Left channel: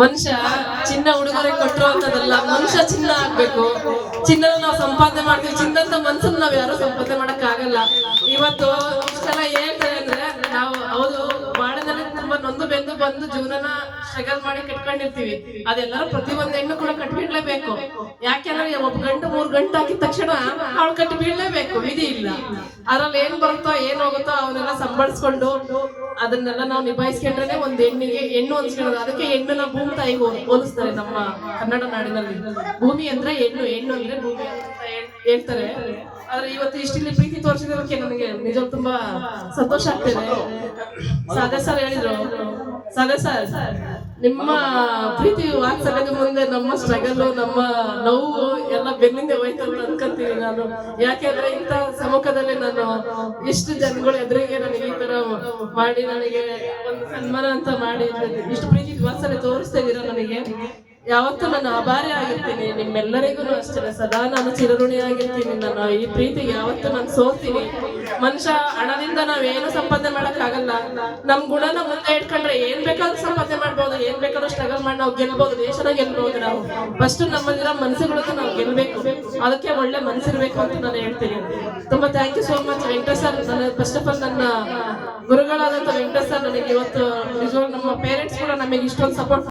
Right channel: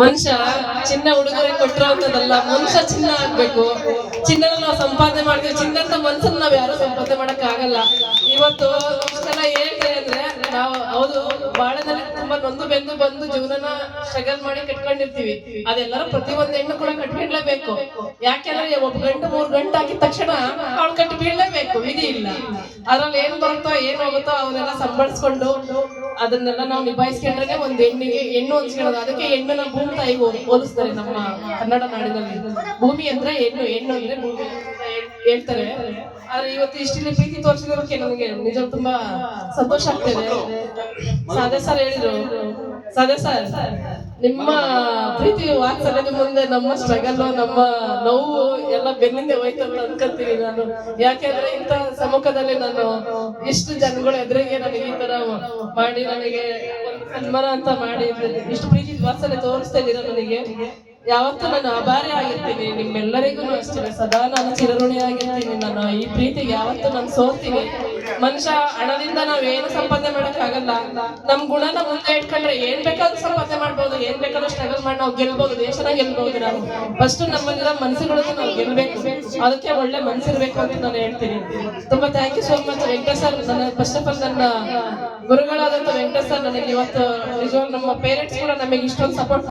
ಮನುಷ್ಯ ಚಿನ್ನ ಉಡುಗೊರೆ ಕೊಟ್ಟಿರೋಂಥದ್ದಲ್ಲ, ಮನುಷ್ಯ ಚಿನ್ನ ಆಗ್ಬೇಕು. ಚಿನ್ನನ ನಾವು ಸಂಪಾದನೆ ಮಾಡ್ತೀವಿ, ಚಿನ್ನದ ಮನ್ಸನ್ನ ನಾವ್ ಯಾರು ಸಂಪಾದನೆ ಮಾಡಕ್ ಆಗಲ್ಲ. ಇವತ್ತು ಇಷ್ಟೆಲ್ಲ ಹೇಳ್ತಾರೆ ಅಂದ್ರೆ ನಾವು ಹೌದು ಬಾಳದಲ್ಲಿ ತುಂಬಾ ನೊಂದು ಬೆಂದು ಬಂದು ಜೀವನನ ಸ್ಟ್ರಗಲ್ ಮಾಡಿ ಕಟ್ಕೊಂಡಿರ್ತೀವಿ. ಅದೆಲ್ಲರೂ ಪ್ರತಿಯೊಂದು ಹೆಣ್ಣು ಕೂಡ ಕಟ್ಕೊಂಡ್ಲೇಬೇಕು. ಯಾಕೆಂದ್ರೆ ಒಬ್ಬ ಗಂಟು 3 ಗಂಟೆ ಹಾಕಿದ ತಕ್ಷಣ ಅವಳು ಕಟ್ಟಿ ಬೀಳ್ಲೇಬೇಕು, ವಿಧಿ ಇಲ್ಲ. ಅದ್ರಲ್ಲಿ ಏನ್ ಬರುತ್ತೋ ಏನ್ ಹೋಗುತ್ತೋ ಅವನ್ನೆಲ್ಲ ಸಂಬಳಿಸ್ಕೊಂಡು ಅದನ್ನೆಲ್ಲ ನಾವು ನಿಭಾಯಿಸ್ಕೊಂಡ್ರೆ ಒಂದ್ ಹೆಣ್ಣು ಅನ್ಸ್ಕೊಳ್ಳೋದು. ಅದಕ್ಕೆ ಹೆಣ್ಣನ್ನ ಭೂಮಿ ತಾಯಿಗೆ ಹೋಲಿಸ್ತಾರೆ ನಮ್ಮ ಕನ್ನಡ ನಾಡಿನಲ್ಲಿ. ಭೂಮಿ ಅಂದ್ರೆ ಹೆಣ್ಣು, ಹೆಣ್ಣು ಅಂದ್ರೆ ಭೂಮಿ ಅಂತ ಹೇಳ್ತಾರೆ. ಆದ್ರೆ ಇವತ್ತು ಇಷ್ಟಿಲ್ಲಿ ಪ್ರೀತಿ ತೋರಿಸಿದಕ್ಕೆ ನನಗೆ ನಿಜ ತುಂಬಾ ಸಂತೋಷ ಆಗ್ತಿದೆ. ಸಾಧೆ ಸರ್ ಹೇಳಿದ್ರು, ಸಾಧೆ ಸರ್ ನಿಮ್ಮ ಪ್ರೀತಿ ವಾತ್ಸಲ್ಯದ ಮುಂದೆ ನಮ್ಮ ಸ್ಟ್ರಗಲ್, ನಮ್ಮ ನೋವು ಎಲ್ಲ ಬೆನ್ನಿಂದೆ ಹೋಯ್ತು ಅಂತ ಅನ್ಕೊಂತೀನಿ ನಾನು. ಯಾಕೆಂದ್ರೆ ಇಂಥ ಸಮ್ಮುಖದಲ್ಲಿ ನಾನು ಇಷ್ಟು ಜನಗಳ ಎದುರಿಗೆ ನನಗೆ ಈ ತರ ಮಾಡಿ ನನಗೆ ಒಂದು ಸನ್ಮಾನ ಅಂತ ಮಾಡಿ ಇಷ್ಟು ಪ್ರೀತಿ ವಾತ್ಸಲ್ಯ ತೋರಿಸ್ತಾ ಇದ್ದೀರ ನನಗೆ ಯಾವತ್ತೂ ನಾನು ಆಭಾರಿ ಆಗಿರ್ತೀನಿ. ನಿಮ್ಮೆಲ್ಲರಿಗೂ ಅಷ್ಟೇ ಸದಾ ನಾನು ಚಿರಋಣಿಯಾಗಿರ್ತೀನಿ. ನಾನು ಈ ಪ್ರೀತಿಗೆ ಯಾವತ್ತೂ ನಾನು ಸೋಲ್ತೀನಿ. ಮನುಷ್ಯ ಹಣದಿಂದ ನಾವೇನು ಸಂಪಾದನೆ ಮಾಡಕ್ ಆಗಲ್ಲ. ನಮ್ ಗುಣನ ಮುಂದೆ ಇಟ್ಕೊಂಡ್ರೆ ಏನ್ ಬೇಕಾದ್ರೂ ಸಂಪಾದನೆ ಮಾಡ್ಬೋದು, ಏನ್ ಬೇಕಾದ್ರೂ ಸ್ಟ್ರಗಲ್ ಮಾಡಿ ನಾವು ಗೆಲ್ಬಹುದು, ದೇಶನ ಗೆಲ್ಬಹುದು. ನಾವು ಫಸ್ಟ್ ನಮ್ಮಲ್ಲಿರೋ ಮನಸ್ಸುಗಳನ್ನ ನಾವು ಗೆಲ್ಬೇಕು, ಅದಕ್ಕೆ ಒಳ್ಳೆ ಮನಸ್ಸಿರ್ಬೇಕು ಅಂತ ನಾನು ಹೇಳ್ತೀನಿ. ತುಂಬಾ thank you so much Venkatesh sir. ನನ್ನ ಫಸ್ಟ್ ಆಫ್ ಆಲ್ ನನ್ನ ಗುರುಗಳಾದಂತ ವೆಂಕಟೇಶ್ ಸರ್ ನನಗೆ ಇವತ್ತು ನಿಜವಾಗ್ಲೂ ನಮ್ಮ ಪೇರೆಂಟ್ಸ್ ಕೂಡ ನಮಗೆ ಇಷ್ಟೊಂದು ಸಪೋರ್ಟ್